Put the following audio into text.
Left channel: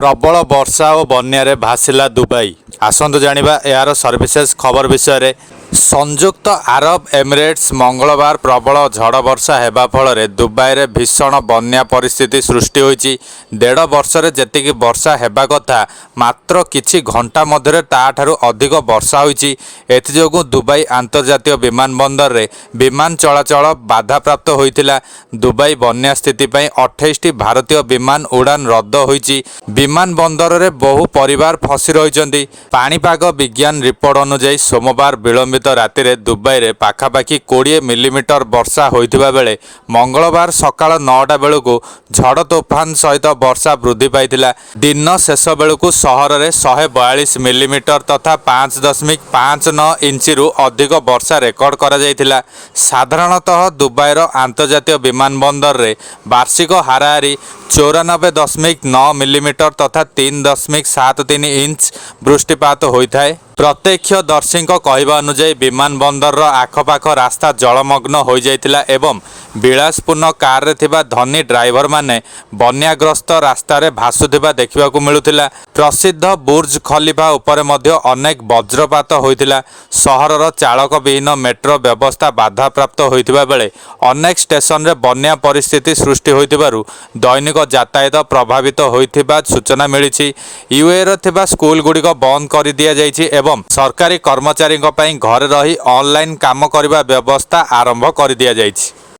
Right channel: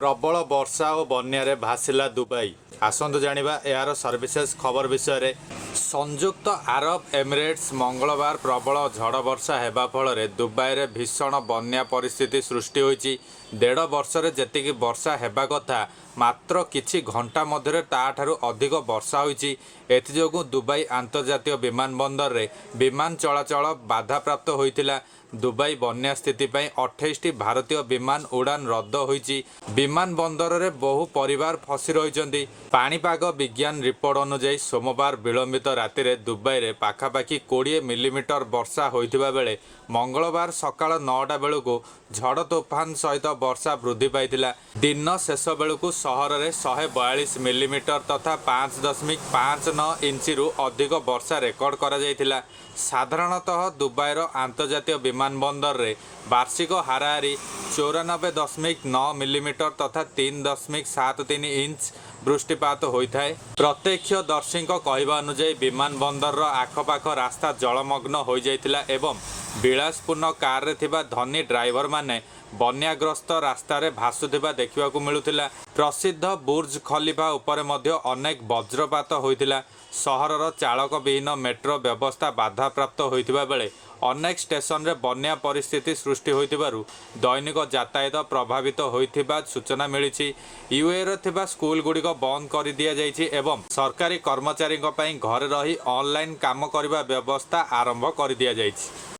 प्रबल वर्षा और बन्या भासिला दुबई। आसतु जानिबा यार सर्विसेज खबर विषय। संयुक्त आरब एमिरेट्स मंगलवार प्रबल झड़ वर्षा हेबा फल दुबई रे भीषण बन्या परिस्थिति सृष्टि होईची। 1.5 वर्ष रे जेतिकी वर्षा हेबा कथा मात्र किछि घंटा मध्य ताठारु अधिक वर्षा होईची। एथिजोगु दुबई अंतर्जातीय विमानबंदर रे विमान चलाचल बाधाप्राप्त होईतिला। दुबई बन्या स्थिति पई 28टी भारतीय विमान उड़ान रद्द होईची। विमान बंदर रे बहु परिवार फसी रहिचंती। पाणीपाग विज्ञान रिपोर्ट अनुसार सोमवार विलंबित राति रे दुबई रे पाखापाखि 20 मिलीमीटर वर्षा होइथिबा बेले मंगलवार सकाळ 9टा बेलकु झड़ तोफान सहित वर्षा वृद्धि पाइथिला। दिन शेष बेलकु सहर रे 142 मिलीमीटर तथा 5.59 इंच रु अधिक वर्षा रेकर्ड करा जायथिला। साधारणतः दुबईर अंतर्जातीय विमानबंदर रे वार्षिक हाराहारी 94.9 मिलीमीटर तथा 3.73 इंच वृष्टिपात होता है। प्रत्यक्षदर्शी कहवा अनुसार विमानबंदर आखपाख रास्ता जलमग्न हो जाइतिला एवं विलासपूर्ण कार रे थिबा धनी ड्राइवर माने बन्याग्रस्त रास्ता रे भासुथिबा देखिबाकू मिलुथिला। प्रसिद्ध बुर्ज खलीफा उपरे मध्य अनेक वज्रपात होइतिला। सहरर चालक विहीन मेट्रो व्यवस्था बाधाप्राप्त होइतिबा बेले अनेक स्टेशन रे बन्या परिस्थिति सृष्टि होइतिबारु दैनिक यातायात प्रभावित होइतिबा सूचना मिलिछि। यूए रे थिबा स्कूल गुड़िक बंद कर दिया जाइछि एवं सरकारी कर्मचारी घरे रही ऑनलाइन काम करबा व्यवस्था आरंभ कर दिया जाइछि।